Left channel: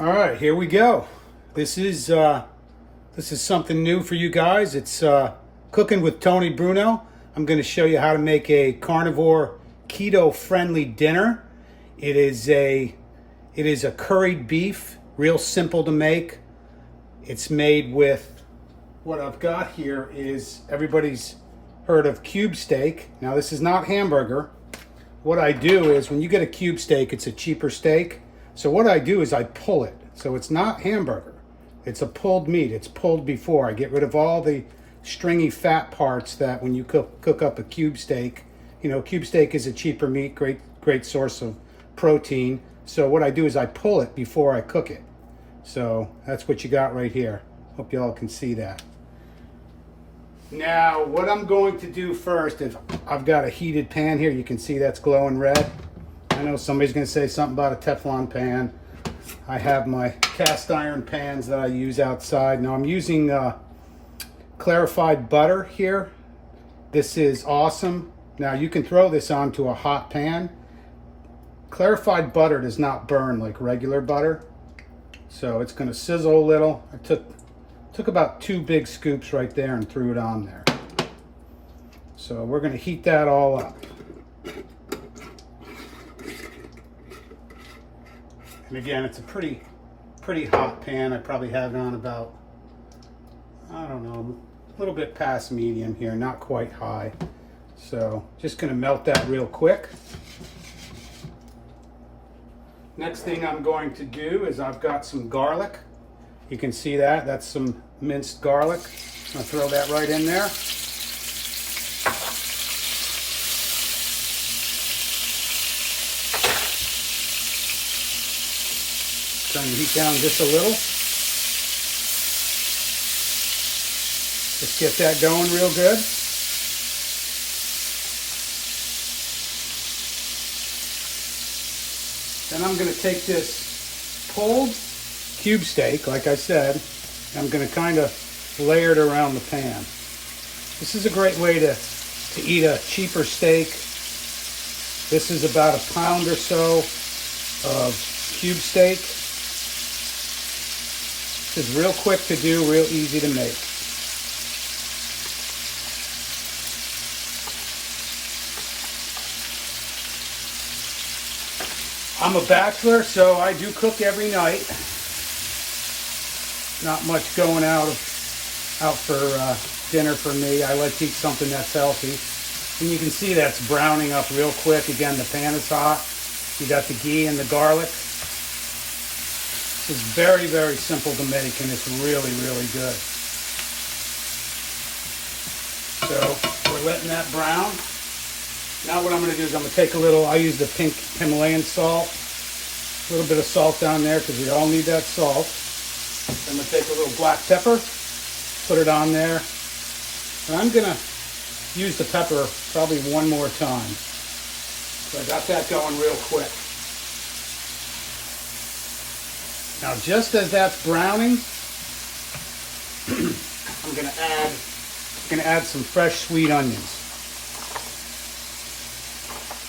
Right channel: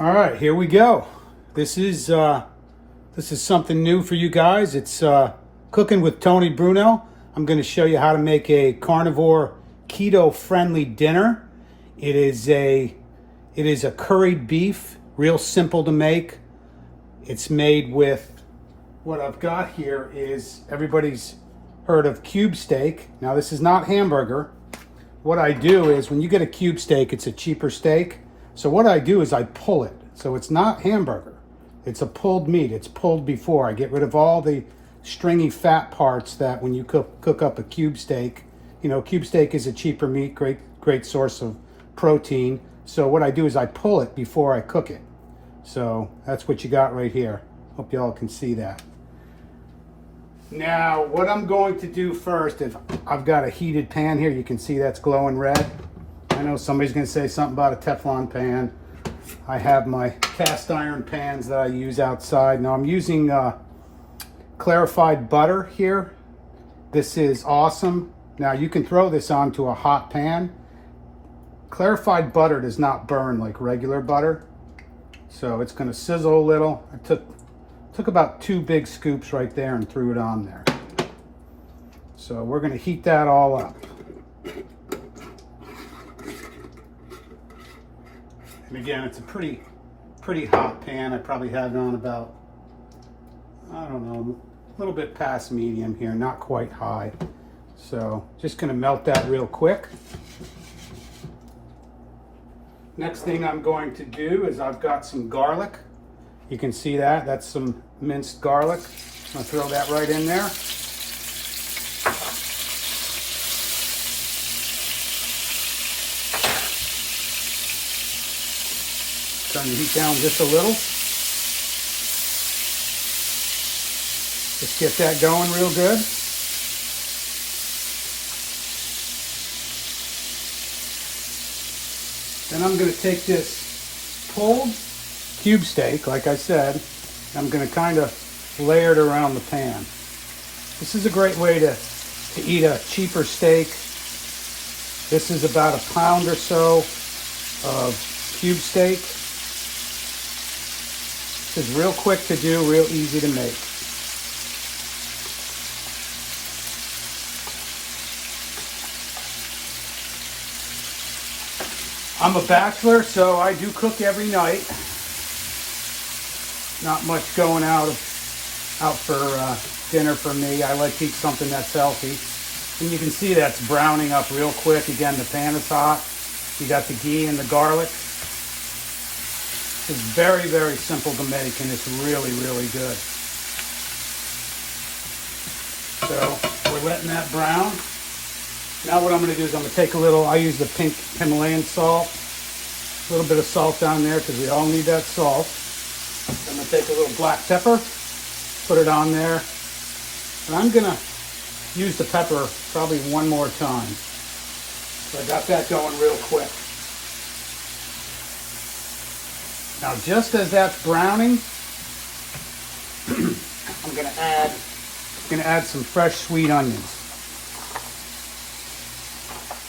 All right, here we go. This is something new for you guys. It's Cooking with Tony Bruno. I'm going to show you how to make a carnivore keto-friendly dinner. It is a curried beef, real simple to make. It's made with what I've got here is everybody's heard of cube steak. Now this is not hamburger. What I do is when you get a cube steak, it's a cheaper steak. So what I do is I pull it. So it's not hamburger. It's a pulled meat. It's pulled before. I get rid of all the stringy fat parts that when you cook up a cube steak. You know, cube steak is a cheaper meat, great source of protein. So what I do is I pull it before I cook it. So that's what you got right here. Hope y'all can see that. Now, what I'm going to do first is I've got a heated pan here. You can see that's glowing red. I know somebody's going to say something about a Teflon pan. I have my cast iron pans that I use outside. Now I'm using clarified butter here. This is awesome. Now you can throw this onto a hot pan. Clarified butter does not burn like regular butter. So it's going to sizzle a little. I took about 2 big scoops right there and threw it on there. So we're going to heat that all up. And again, it's a pretty hot pan. I probably have it on about, I don't know, a little bit past medium here, not quite high. So just gonna melt that real quick. Next thing I'm going to do is I've got some garlic. You can see that, that's some minced garlic. I'm gonna throw that right in there. Turn the heat down just a little. Just get that going real good. Then I'm going to take this pulled cube steak, like I said, I'm going to kind of layer it around the pan. This is a great way to eat a cheaper steak. This is about a pound or so of cube steak. This is real quick to do, real easy to make. I'm a bachelor, so I do cook every night. Not much going out for dinner for me. I like to eat something that's healthy. And you can see that's browning up real quick. Again, the pan is hot. You got the ghee and the garlic. It's very, very simple to make, and it's really, really good. So we're letting that brown. Now what I'm going to do is I'm going to take a little, I use the pink Himalayan salt, a little bit of salt down there because we all need that salt. I'm going to take a little black pepper, put it on there. And I'm going to use the pepper probably one more time. So I got that going real quick. Now, just as that's browning, I'm going to add some fresh sweet onions.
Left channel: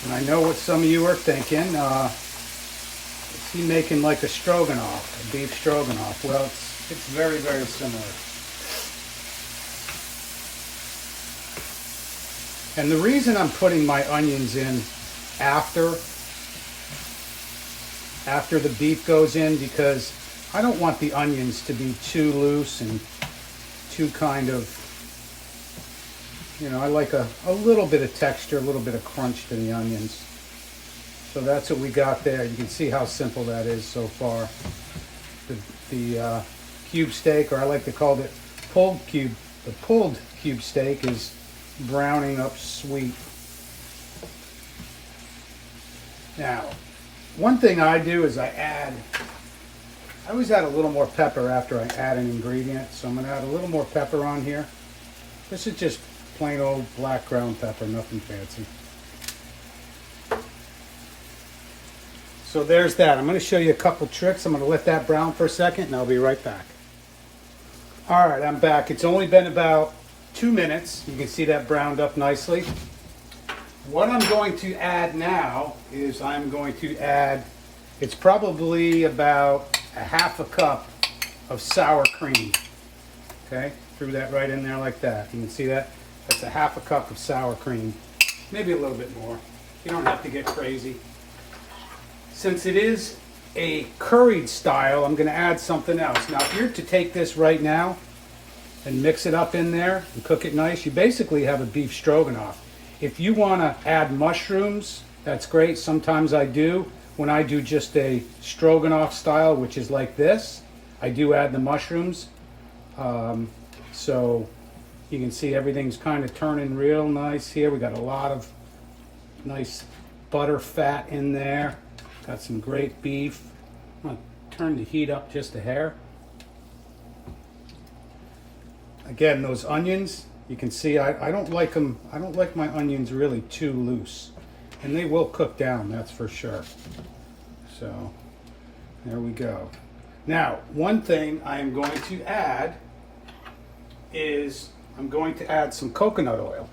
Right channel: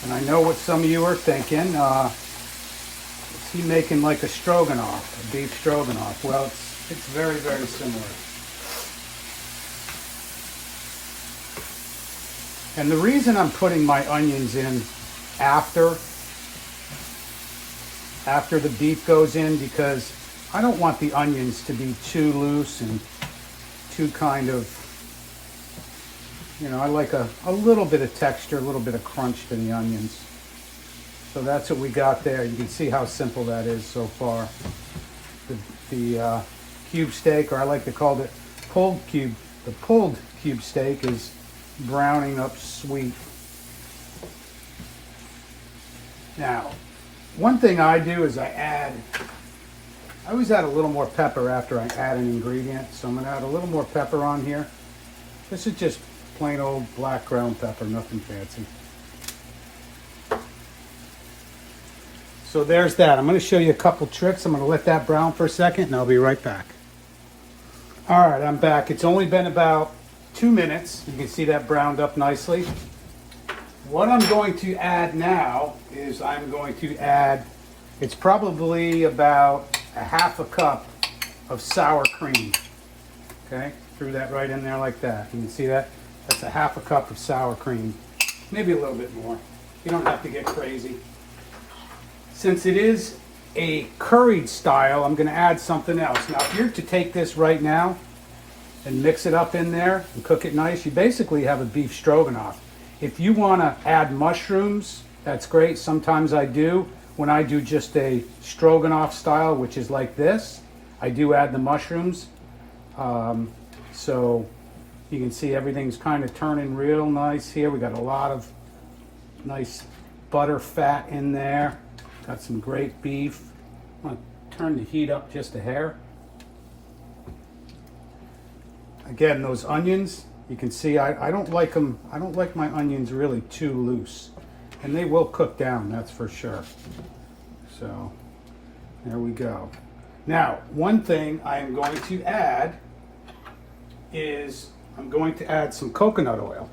And I know what some of you are thinking. Is he making like a stroganoff, a beef stroganoff? Well, it's very, very similar. And the reason I'm putting my onions in after the beef goes in, because I don't want the onions to be too loose and too kind of, you know, I like a little bit of texture, a little bit of crunch to the onions. So that's what we got there. You can see how simple that is so far. The cube steak, or I like to call it pulled cube, the pulled cube steak is browning up sweet. Now, one thing I do is I always add a little more pepper after I add an ingredient. So I'm going to add a little more pepper on here. This is just plain old black ground pepper, nothing fancy. So there's that. I'm going to show you a couple tricks. I'm going to let that brown for a second and I'll be right back. All right, I'm back. It's only been about 2 minutes. You can see that browned up nicely. What I'm going to add now is I'm going to add, it's probably about a half a cup of sour cream. Okay, threw that right in there like that. You can see that? That's a half a cup of sour cream. Maybe a little bit more. You don't have to get crazy. Since it is a curried style, I'm going to add something else. Now, if you're to take this right now and mix it up in there and cook it nice, you basically have a beef stroganoff. If you want to add mushrooms, that's great. Sometimes I do. When I do just a stroganoff style, which is like this, I do add the mushrooms. So you can see everything's kind of turning real nice here. We got a lot of nice butter fat in there. Got some great beef. I'm going to turn the heat up just a hair. Again, those onions, you can see I don't like them. I don't like my onions really too loose. And they will cook down, that's for sure. So there we go. Now, one thing I am going to add is I'm going to add some coconut oil.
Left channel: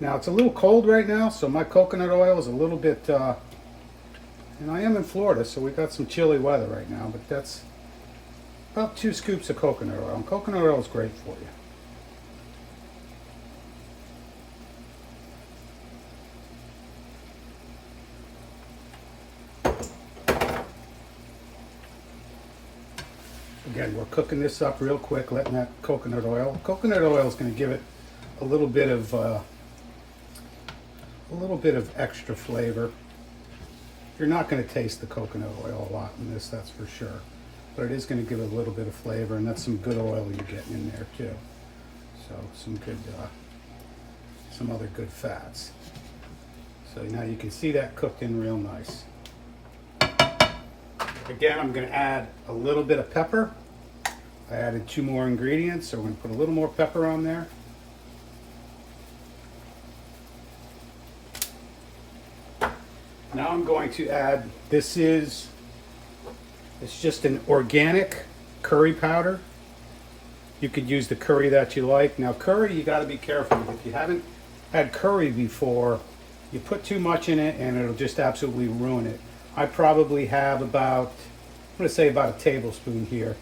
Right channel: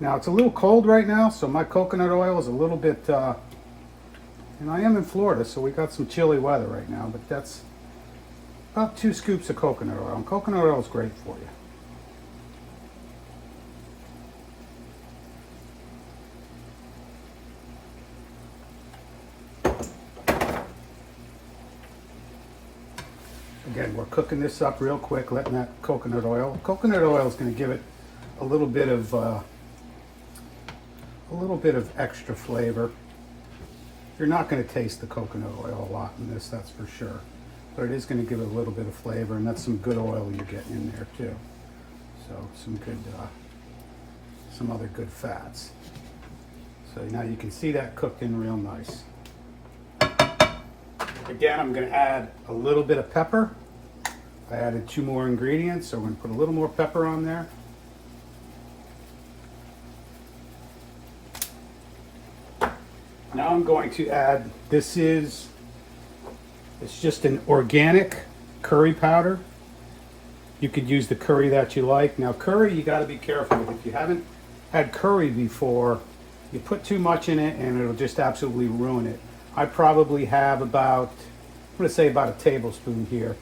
Now, it's a little cold right now, so my coconut oil is a little bit, and I am in Florida, so we got some chilly weather right now, but that's about 2 scoops of coconut oil. And coconut oil is great for you. Again, we're cooking this up real quick, letting that coconut oil. Coconut oil is going to give it a little bit of extra flavor. You're not going to taste the coconut oil a lot in this, that's for sure. But it is going to give it a little bit of flavor, and that's some good oil you're getting in there too. So some other good fats. So now you can see that cooked in real nice. Again, I'm going to add a little bit of pepper. I added 2 more ingredients, so we're going to put a little more pepper on there. Now I'm going to add, it's just an organic curry powder. You could use the curry that you like. Now curry, you got to be careful with. If you haven't had curry before, you put too much in it and it'll just absolutely ruin it. I probably have about, I'm going to say about a tablespoon here.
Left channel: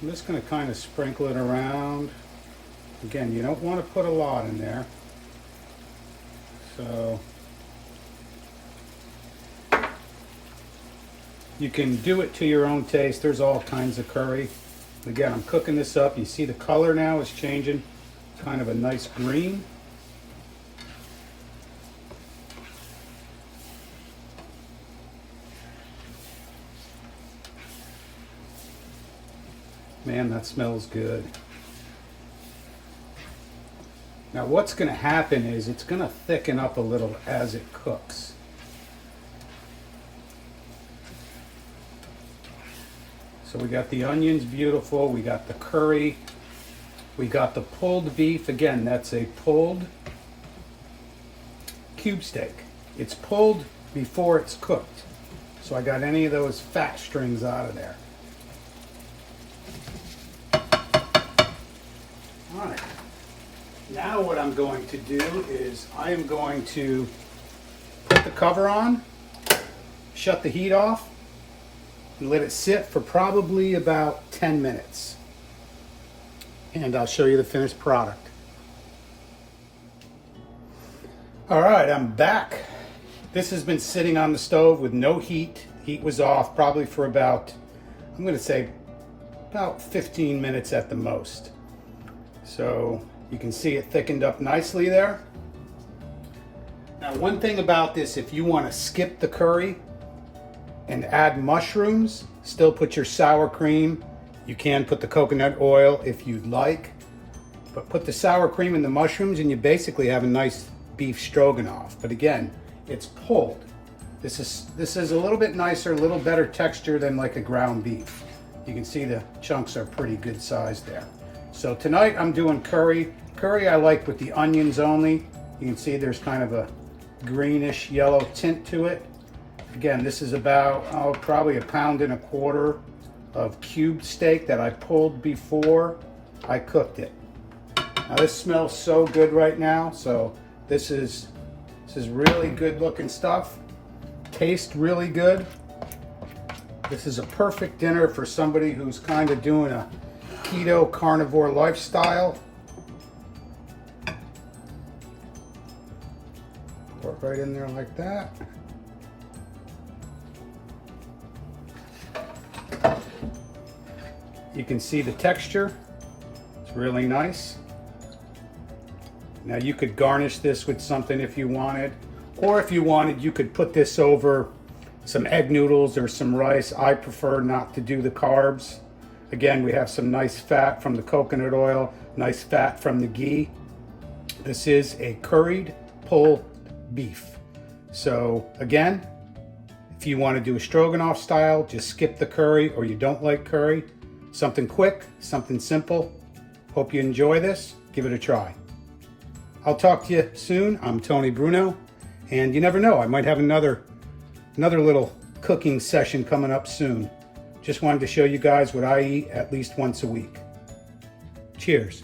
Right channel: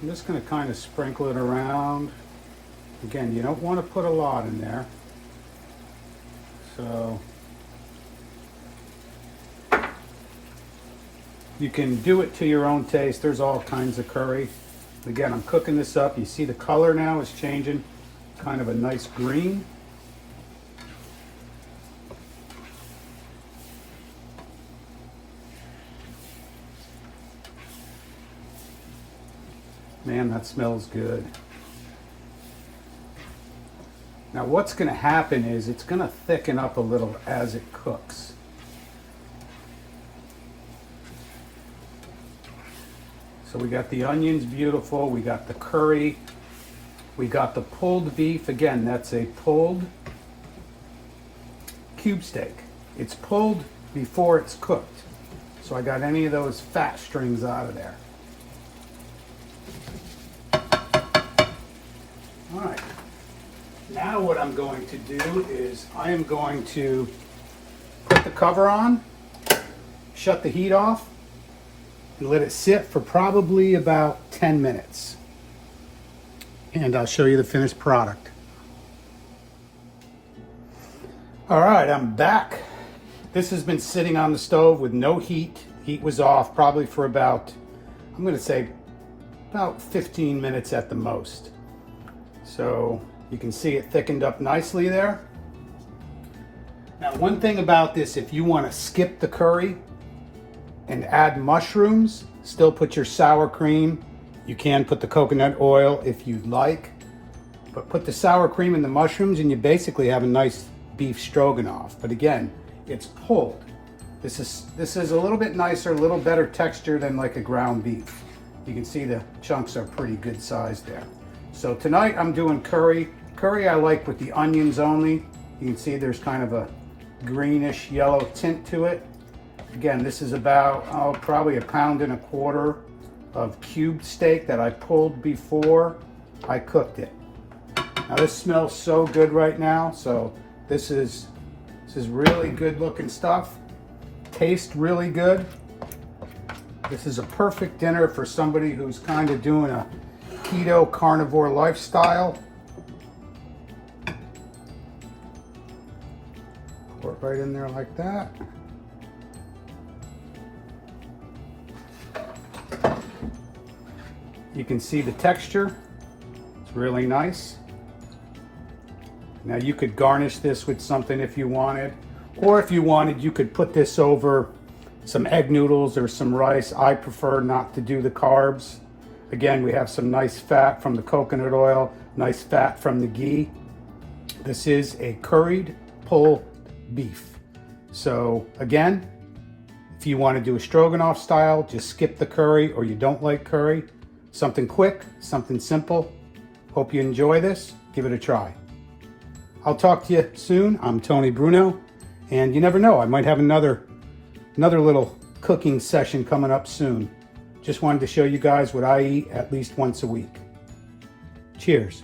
I'm just going to kind of sprinkle it around. Again, you don't want to put a lot in there. So you can do it to your own taste. There's all kinds of curry. Again, I'm cooking this up. You see the color now is changing. Kind of a nice green. Man, that smells good. Now what's going to happen is it's going to thicken up a little as it cooks. So we got the onions, beautiful. We got the curry. We got the pulled beef. Again, that's a pulled cube steak. It's pulled before it's cooked. So I got any of those fat strings out of there. All right. Now what I'm going to do is I am going to put the cover on, shut the heat off, and let it sit for probably about 10 minutes. And I'll show you the finished product. All right, I'm back. This has been sitting on the stove with no heat. Heat was off probably for about, I'm going to say about 15 minutes at the most. So you can see it thickened up nicely there. Now, one thing about this, if you want to skip the curry and add mushrooms, still put your sour cream. You can put the coconut oil if you'd like, but put the sour cream and the mushrooms and you basically have a nice beef stroganoff. But again, it's pulled. This is a little bit nicer, a little better texture than like a ground beef. You can see the chunks are pretty good size there. So tonight I'm doing curry. Curry I like with the onions only. You can see there's kind of a greenish yellow tint to it. Again, this is about, probably 1.25 pounds of cube steak that I pulled before I cooked it. Now this smells so good right now. So this is really good looking stuff. Tastes really good. This is a perfect dinner for somebody who's kind of doing a keto carnivore lifestyle. Pour it right in there like that. You can see the texture. It's really nice. Now you could garnish this with something if you wanted, or if you wanted, you could put this over some egg noodles or some rice. I prefer not to do the carbs. Again, we have some nice fat from the coconut oil, nice fat from the ghee. This is a curried pulled beef. So again, if you want to do a stroganoff style, just skip the curry, or you don't like curry. Something quick, something simple. Hope you enjoy this. Give it a try. I'll talk to you soon. I'm Tony Bruno, and you never know, I might have another little cooking session coming up soon. Just wanted to show you guys what I eat at least once a week. Cheers.